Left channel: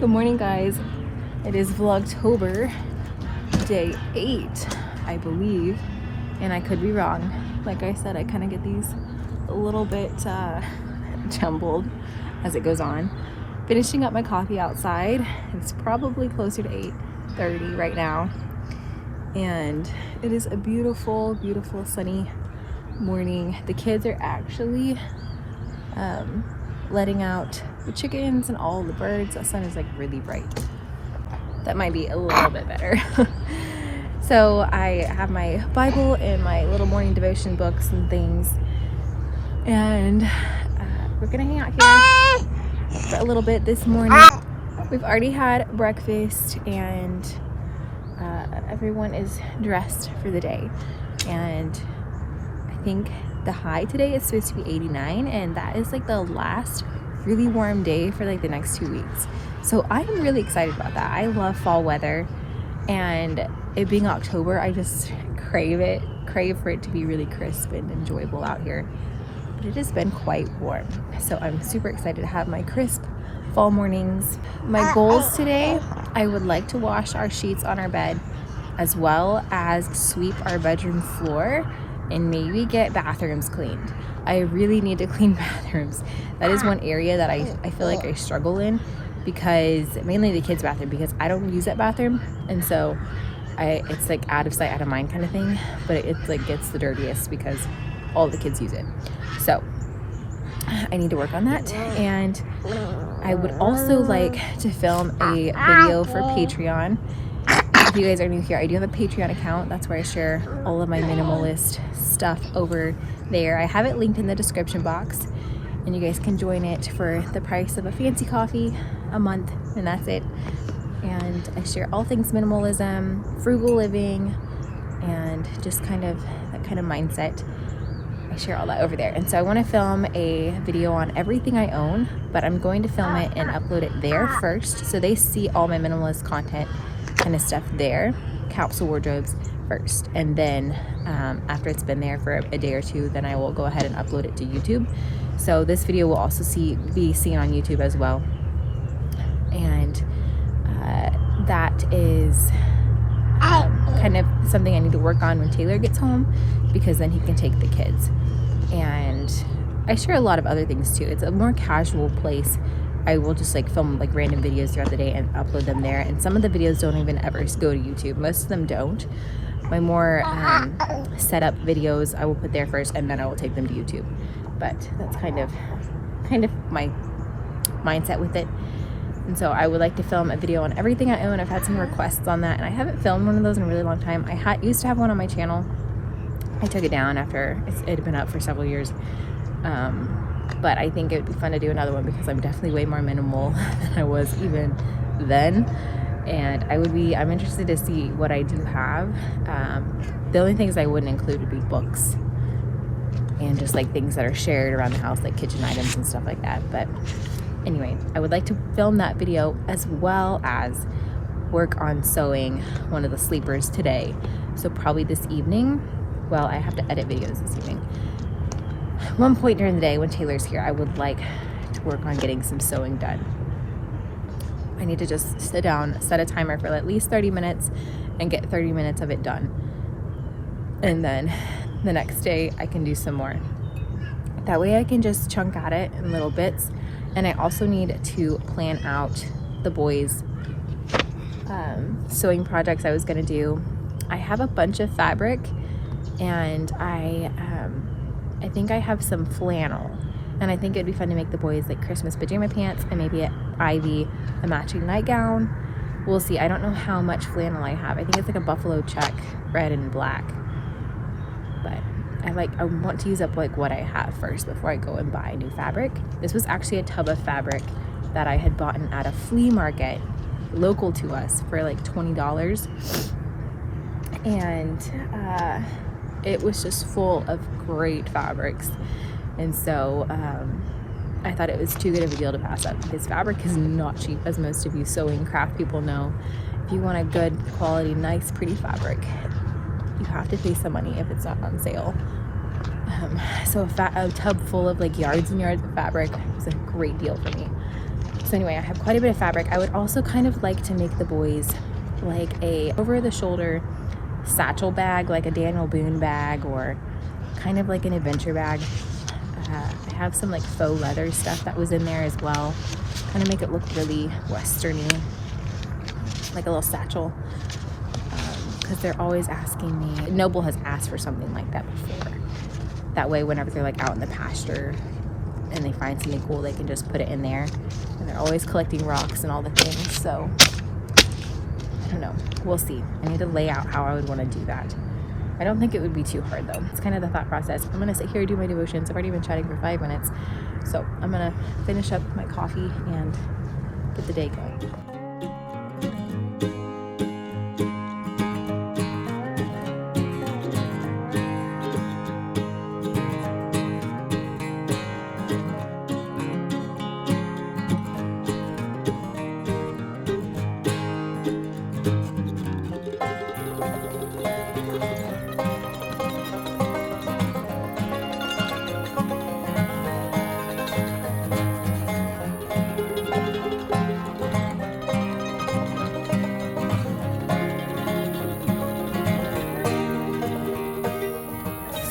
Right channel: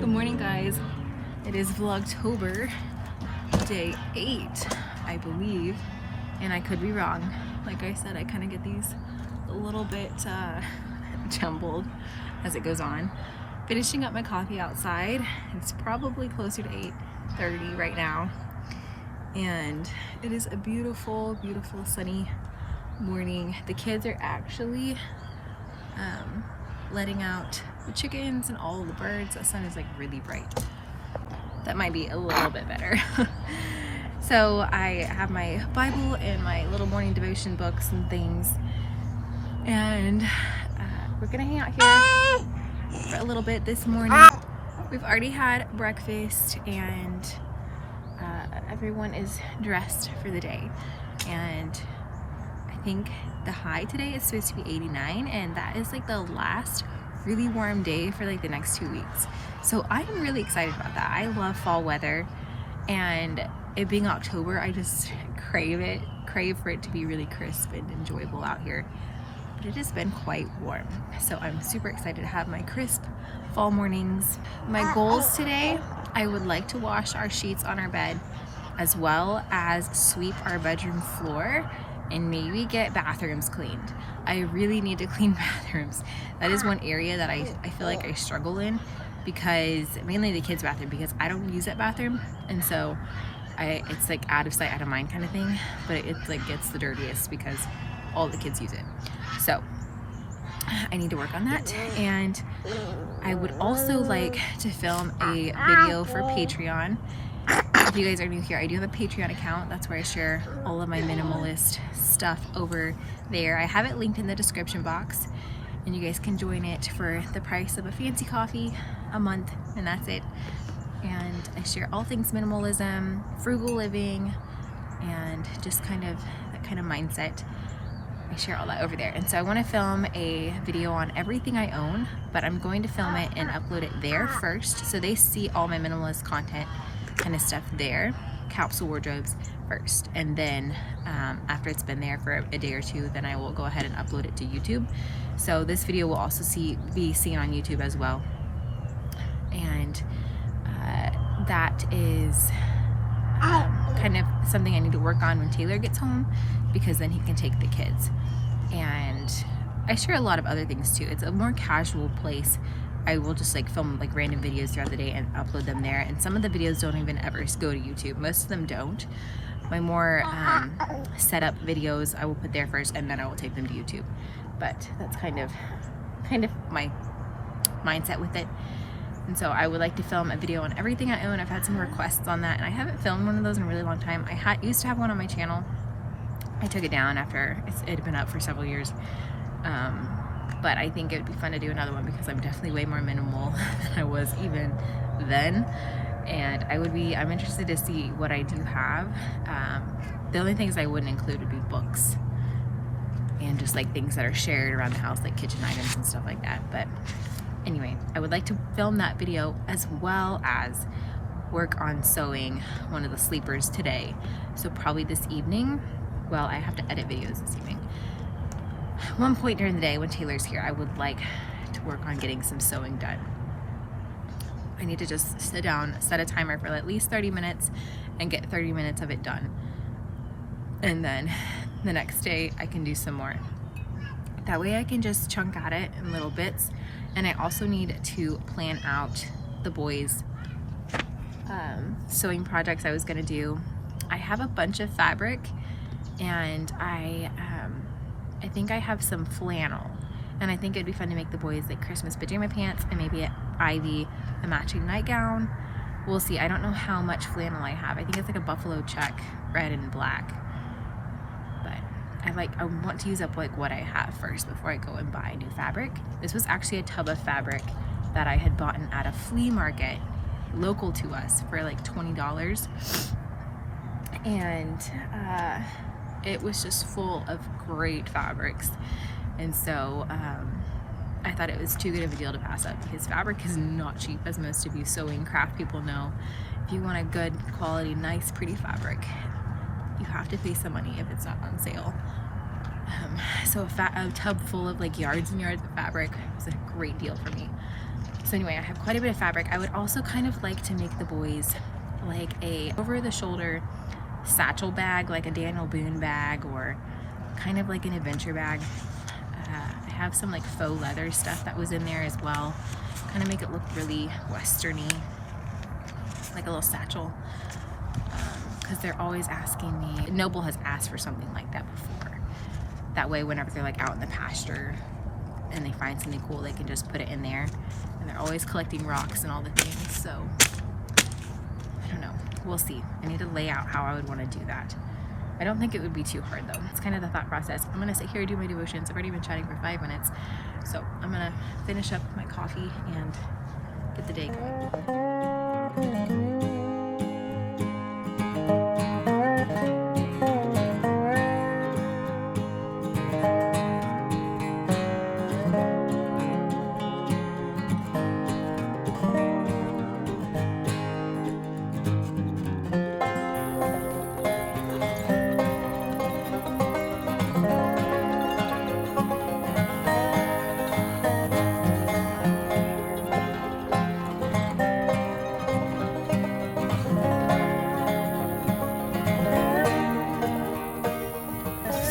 Good morning, guys. It is Vlogtober, day 8, I believe, and I could be wrong. Like I said, I kind of get these a little bit jumbled as it goes on. Finishing up my coffee outside. It's probably closer to 8:30 right now, and it is a beautiful, beautiful sunny morning. The kids are actually letting out the chickens and all the birds. The sun is like really bright. That might be a little bit better. So I have my Bible and my little morning devotion books and things, and we're gonna hang out here for a little bit this morning. We've already had breakfast, and everyone is dressed for the day, and I think the high today is supposed to be 89, and that is like the last really warm day for like the next 2 weeks. So I am really excited about that. I love fall weather, and it being October, I just crave for it to be really crisp and enjoyable out here. But it has been quite warm, so I'm super excited to have my crisp fall mornings. My goals today, I would like to wash our sheets on our bed, as well as sweep our bedroom floor and maybe get bathrooms cleaned. I really need to clean bathrooms. That is one area that I feel like I struggle in, because mainly the kids' bathroom, because I don't use that bathroom, and so it's like out of sight, out of mind kind of thing. But it's like gets the dirtiest because all the kids use it. So I need to work on that, and I would also like to film a video for Patreon. If you guys are new here, I do have a Patreon account. That's where I share all of my minimalist stuff over there. I have it linked in the description box, and you guys can join it for the price of a fancy coffee a month, and that's it. And I share all things minimalism, frugal living, and just kind of that kind of mindset. I share all that over there. And so I want to film a video on everything I own, but I'm going to film it and upload it there first, so they see all my minimalist content kind of stuff there, capsule wardrobes first, and then after it's been there for a day or two, then I will go ahead and upload it to YouTube. So this video will also be seen on YouTube as well, and that is kind of something I need to work on when Taylor gets home, because then he can take the kids. And I share a lot of other things too. It's a more casual place. I will just like film like random videos throughout the day and upload them there, and some of the videos don't even ever go to YouTube. Most of them don't. My more setup videos I will put there first, and then I will take them to YouTube. But that's kind of my mindset with it. And so I would like to film a video on everything I own. I've had some requests on that, and I haven't filmed one of those in a really long time. I used to have one on my channel. I took it down after it had been up for several years. But I think it would be fun to do another one, because I'm definitely way more minimal than I was even then. And I'm interested to see what I do have. The only things I wouldn't include would be books and just like things that are shared around the house, like kitchen items and stuff like that. But anyway, I would like to film that video, as well as work on sewing one of the sleepers today. So probably this evening. Well, I have to edit videos this evening. At one point during the day when Taylor's here, I would like to work on getting some sewing done. I need to just sit down, set a timer for at least 30 minutes and get 30 minutes of it done. And then the next day I can do some more. That way I can just chunk at it in little bits. And I also need to plan out the boys' sewing projects I was gonna do. I have a bunch of fabric, and I think I have some flannel, and I think it'd be fun to make the boys like Christmas pajama pants, and maybe Ivy a matching nightgown. We'll see. I don't know how much flannel I have. I think it's like a buffalo check, red and black. But I want to use up like what I have first before I go and buy new fabric. This was actually a tub of fabric that I had bought at a flea market local to us for like $20, and it was just full of great fabrics. And so I thought it was too good of a deal to pass up, because fabric is not cheap, as most of you sewing craft people know. if you want a good quality, nice, pretty fabric, you have to pay some money if it's not on sale. So a tub full of like yards and yards of fabric was a great deal for me. So anyway, I have quite a bit of fabric. I would also kind of like to make the boys like a over the shoulder satchel bag, like a Daniel Boone bag, or kind of like an adventure bag. I have some like faux leather stuff that was in there as well, kind of make it look really westerny, like a little satchel, because they're always asking me. Noble has asked for something like that before. That way whenever they're like out in the pasture and they find something cool, they can just put it in there. And they're always collecting rocks and all the things, so I don't know, we'll see. I need to lay out how I would want to do that. I don't think it would be too hard though. It's kind of the thought process. I'm gonna sit here and do my devotions. I've already been chatting for 5 minutes, so I'm gonna finish up my coffee and get the day going.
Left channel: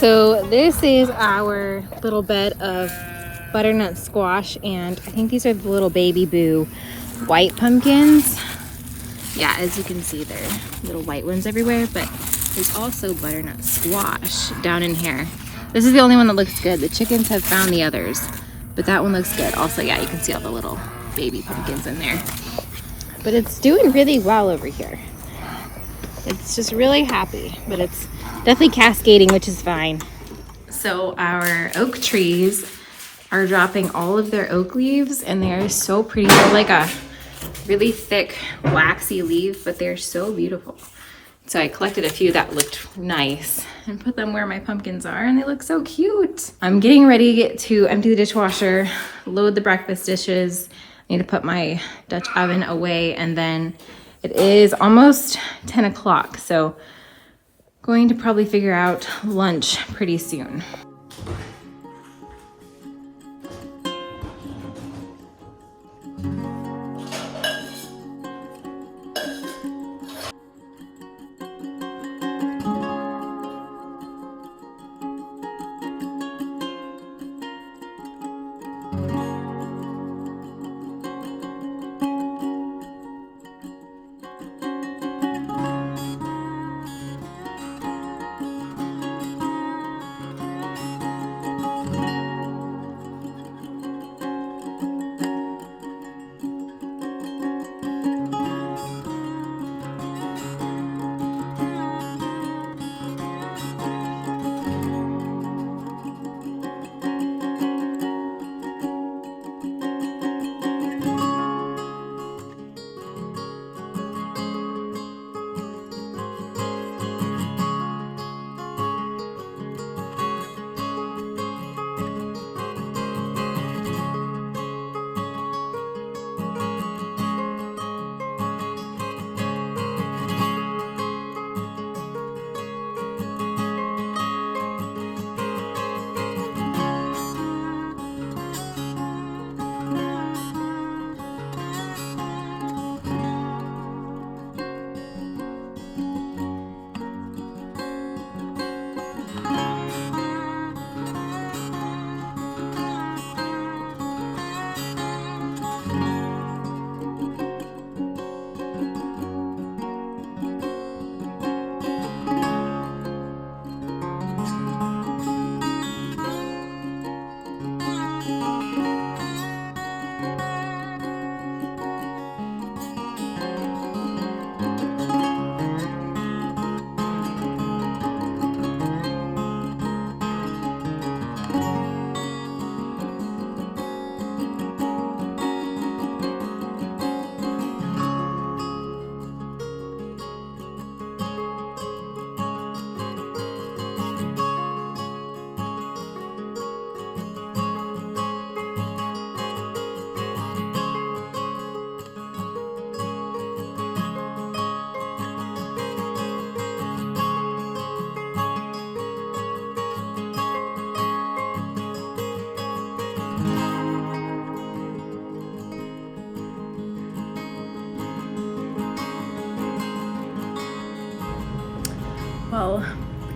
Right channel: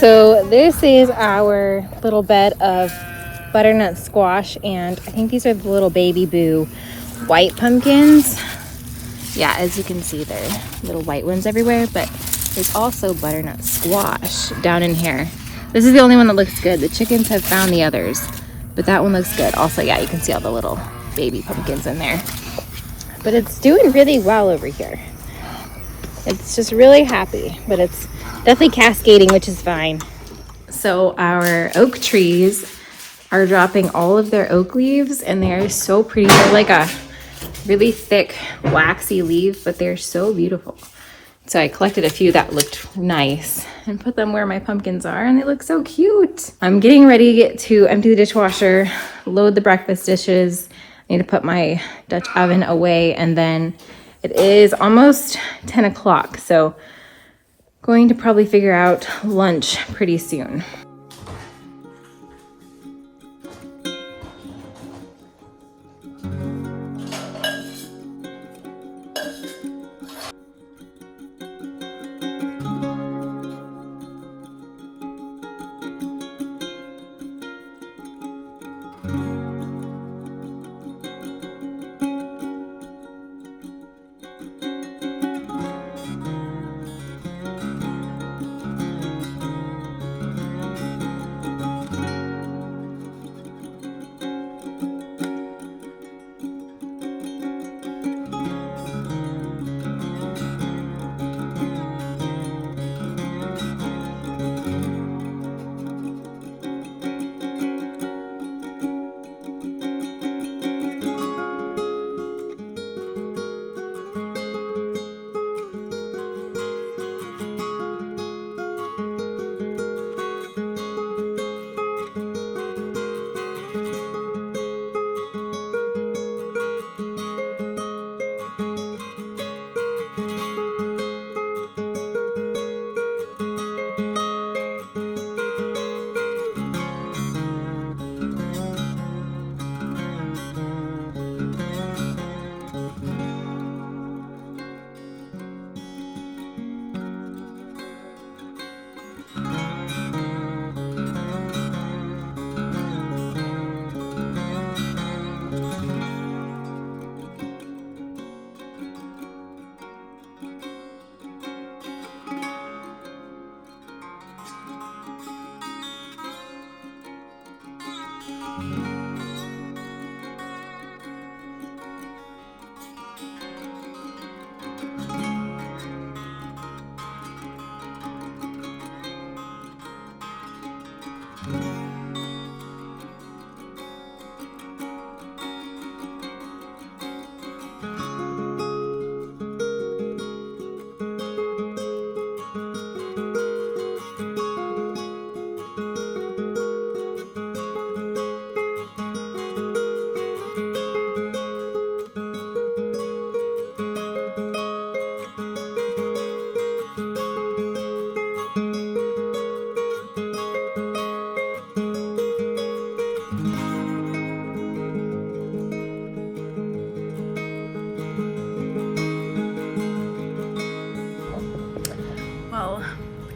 So this is our little bed of butternut squash, and I think these are the little baby boo white pumpkins. Yeah, as you can see, there are little white ones everywhere, but there's also butternut squash down in here. This is the only one that looks good. The chickens have found the others, but that one looks good. Also, yeah, you can see all the little baby pumpkins in there. But it's doing really well over here. It's just really happy, but it's definitely cascading, which is fine. So our oak trees are dropping all of their oak leaves, and they're so pretty. They're like a really thick waxy leaf, but they're so beautiful. So I collected a few that looked nice and put them where my pumpkins are, and they look so cute. I'm getting ready to empty the dishwasher, load the breakfast dishes. I need to put my Dutch oven away, and then it is almost 10 o'clock, so going to probably figure out lunch pretty soon.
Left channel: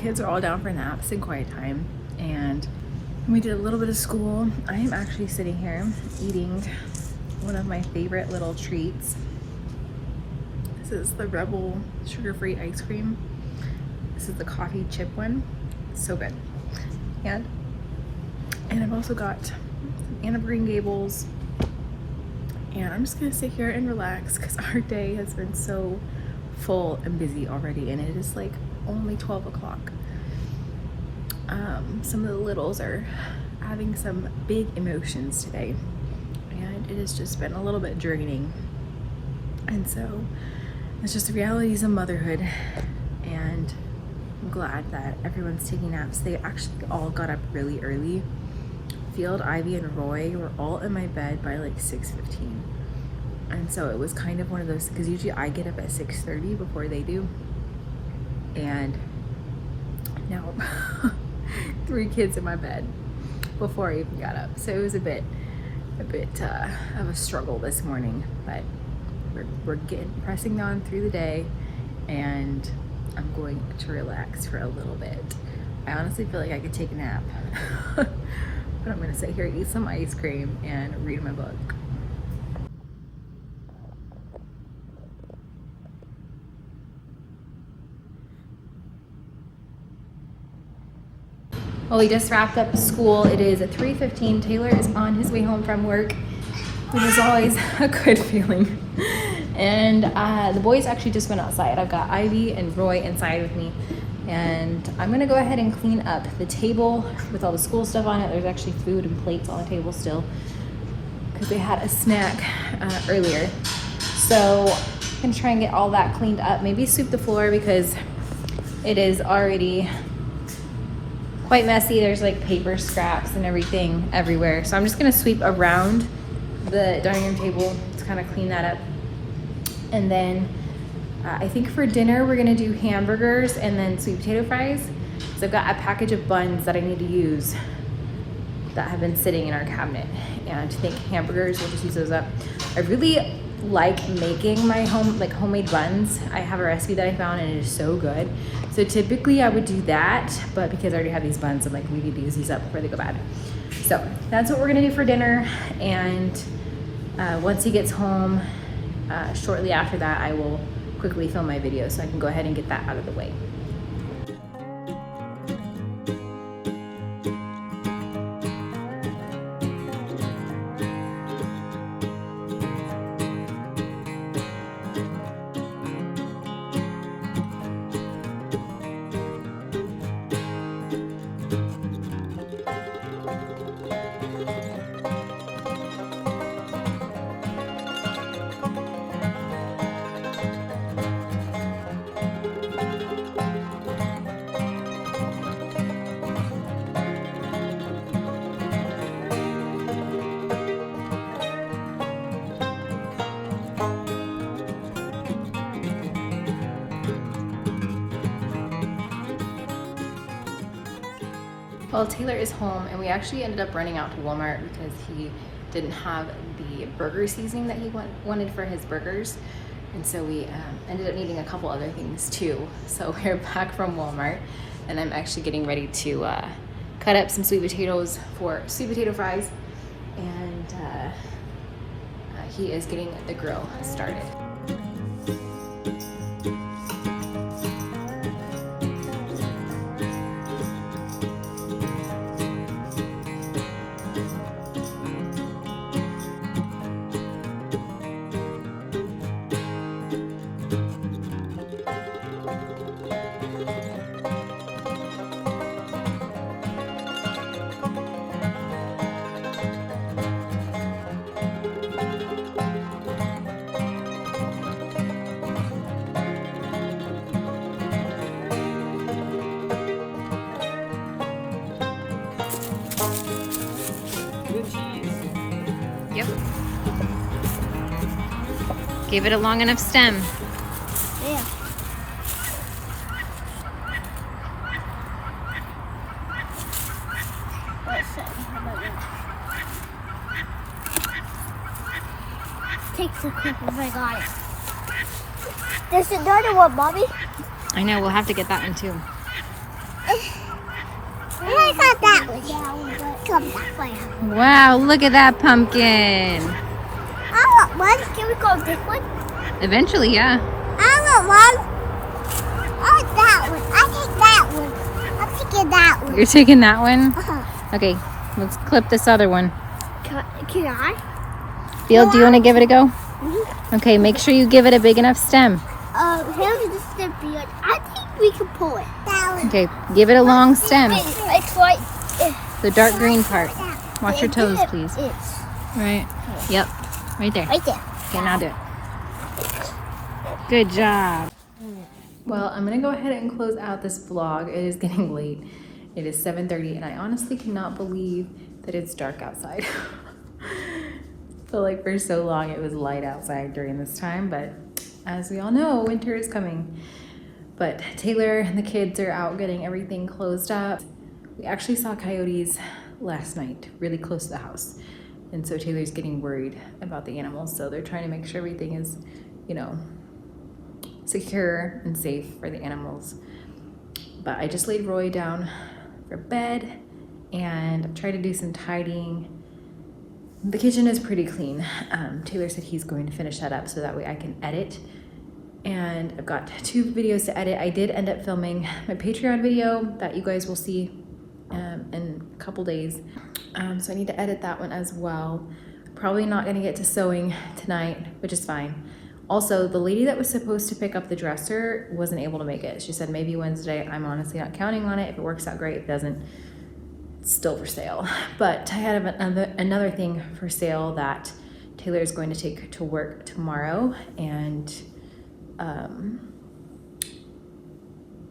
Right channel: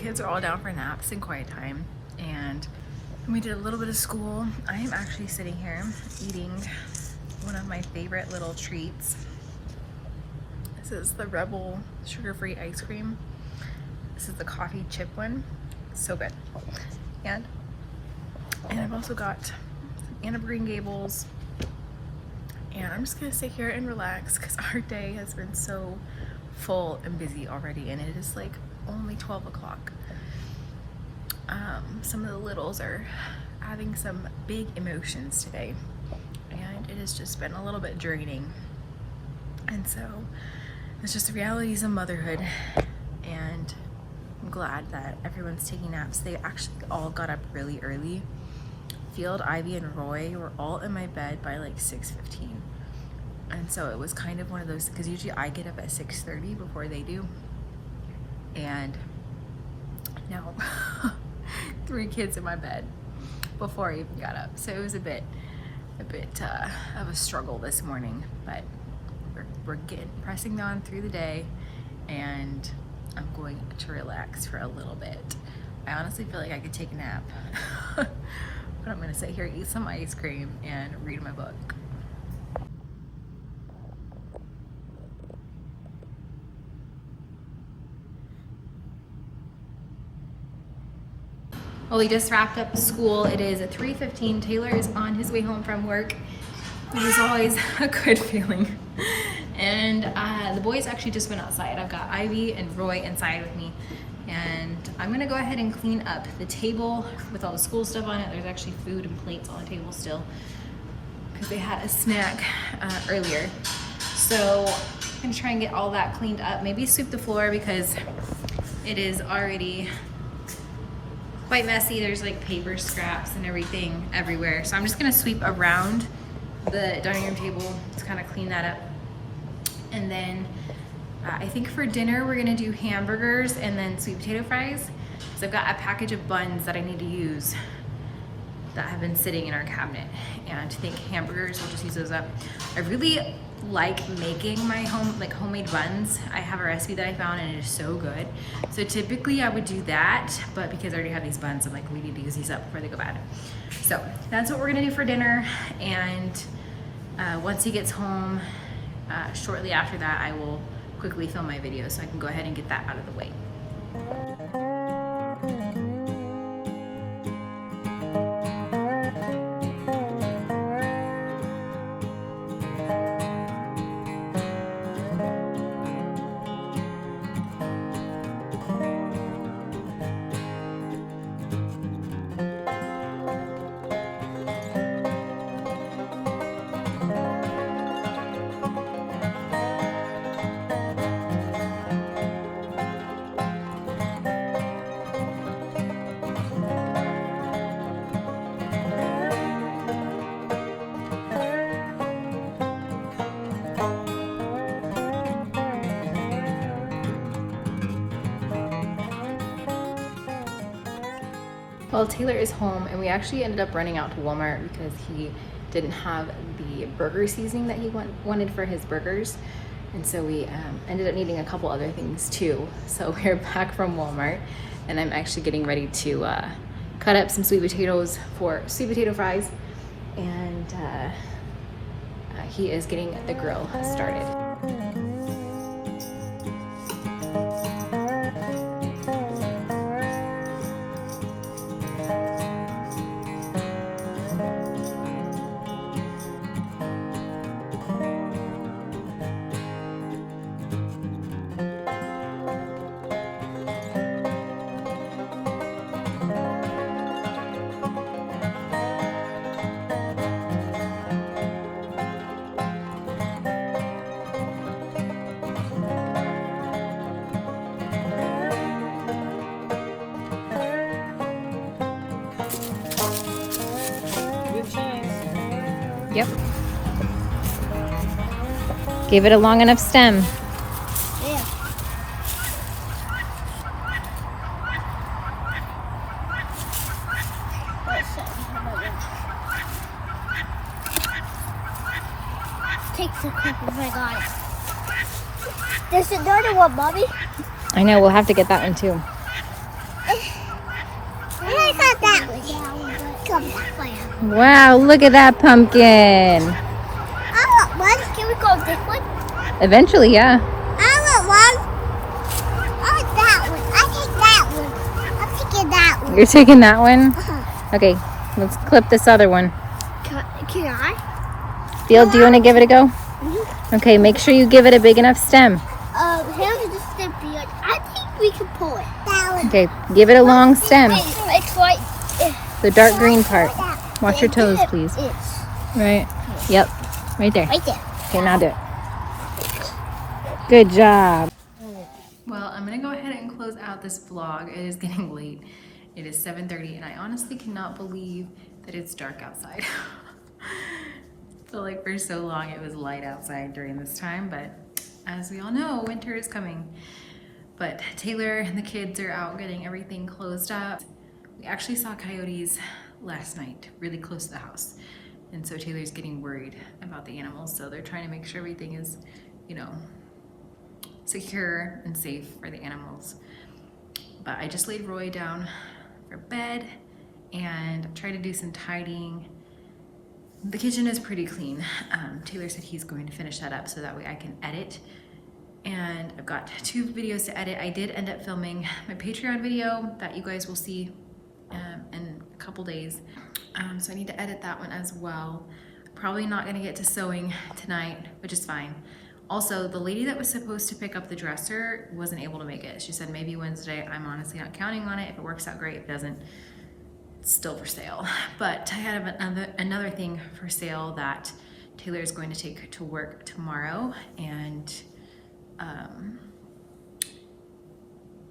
kids are all down for naps and quiet time, and we did a little bit of school. I am actually sitting here eating one of my favorite little treats. This is the Rebel sugar-free ice cream. This is the coffee chip one. It's so good. And I've also got some Anne of Green Gables. And I'm just gonna sit here and relax because our day has been so full and busy already, and it is like only 12 o'clock. Some of the littles are having some big emotions today, and it has just been a little bit draining. And so it's just the realities of motherhood, and I'm glad that everyone's taking naps. They actually all got up really early. Field, Ivy, and Roy were all in my bed by like 6:15. And so it was kind of one of those, because usually I get up at 6:30 before they do. And now 3 kids in my bed before I even got up. So it was a bit of a struggle this morning, but we're pressing on through the day, and I'm going to relax for a little bit. I honestly feel like I could take a nap, but I'm gonna sit here, eat some ice cream, and read my book. Well, we just wrapped up school. It is 3:15. Taylor is on his way home from work, which is always a good feeling. And the boys actually just went outside. I've got Ivy and Roy inside with me. And I'm gonna go ahead and clean up the table with all the school stuff on it. There's actually food and plates on the table still, because they had a snack earlier. So I'm gonna try and get all that cleaned up. Maybe sweep the floor because it is already quite messy. There's like paper scraps and everything everywhere. So I'm just gonna sweep around the dining room table to kind of clean that up. And then I think for dinner we're gonna do hamburgers and then sweet potato fries. So I've got a package of buns that I need to use that have been sitting in our cabinet. And I think hamburgers, we'll just use those up. I really like making my homemade buns. I have a recipe that I found and it is so good. So typically I would do that, but because I already have these buns, I'm like, we need to use these up before they go bad. So that's what we're gonna do for dinner. And once he gets home, shortly after that, I will quickly film my video so I can go ahead and get that out of the way. Well, Taylor is home, and we actually ended up running out to Walmart because he didn't have the burger seasoning that he wanted for his burgers. And so we ended up needing a couple other things too. So we're back from Walmart, and I'm actually getting ready to cut up some sweet potatoes for sweet potato fries. And he is getting the grill started. Yep. Gave it a long enough stem. Yeah. What stem? How about that? Takes a clip if I got it. There's another one, Mommy. I know, we'll have to get that one too. I got that one. Come that way. Wow, look at that pumpkin. I want one. Can we go this one? Eventually, yeah. I want one. Oh, that one. I take that one. I'm taking that one. You're taking that one? Uh-huh. Okay, let's clip this other one. Can I? Field, do you want to give it a go? Mhm. Okay, make sure you give it a big enough stem. Here's the beard. I think we can pull it. That one. Okay, give it a long stem. It's like The dark green part. Watch your toes, please. It's Right. Yep. Right there. right there. Okay, now do it. Good job. Well, I'm gonna go ahead and close out this vlog. It is getting late. It is 7:30 and I honestly cannot believe that it's dark outside. Feel like for so long it was light outside during this time, but as we all know, winter is coming. But Taylor and the kids are out getting everything closed up. We actually saw coyotes last night, really close to the house. And so Taylor's getting worried about the animals. So they're trying to make sure everything is, you know, secure and safe for the animals. But I just laid Roy down for bed and tried to do some tidying. The kitchen is pretty clean. Taylor said he's going to finish that up so that way I can edit. And I've got 2 videos to edit. I did end up filming my Patreon video that you guys will see in a couple days. So I need to edit that one as well. Probably not gonna get to sewing tonight, which is fine. Also, the lady that was supposed to pick up the dresser wasn't able to make it. She said maybe Wednesday. I'm honestly not counting on it. If it works out great, if it doesn't, it's still for sale. But I had another thing for sale that Taylor is going to take to work tomorrow, and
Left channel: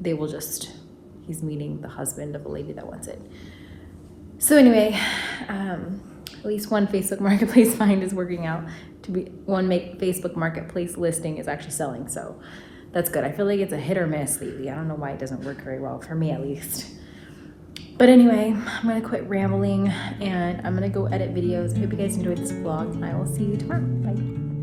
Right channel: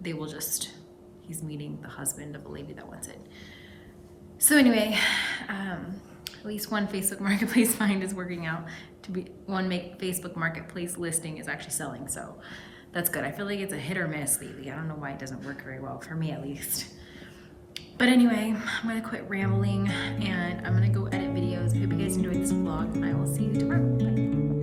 they will just, he's meeting the husband of a lady that wants it. So anyway, at least one Facebook Marketplace find is working out to be, Facebook Marketplace listing is actually selling. So that's good. I feel like it's a hit or miss lately. I don't know why it doesn't work very well for me, at least. But anyway, I'm gonna quit rambling and I'm gonna go edit videos. I hope you guys enjoyed this vlog. I will see you tomorrow. Bye.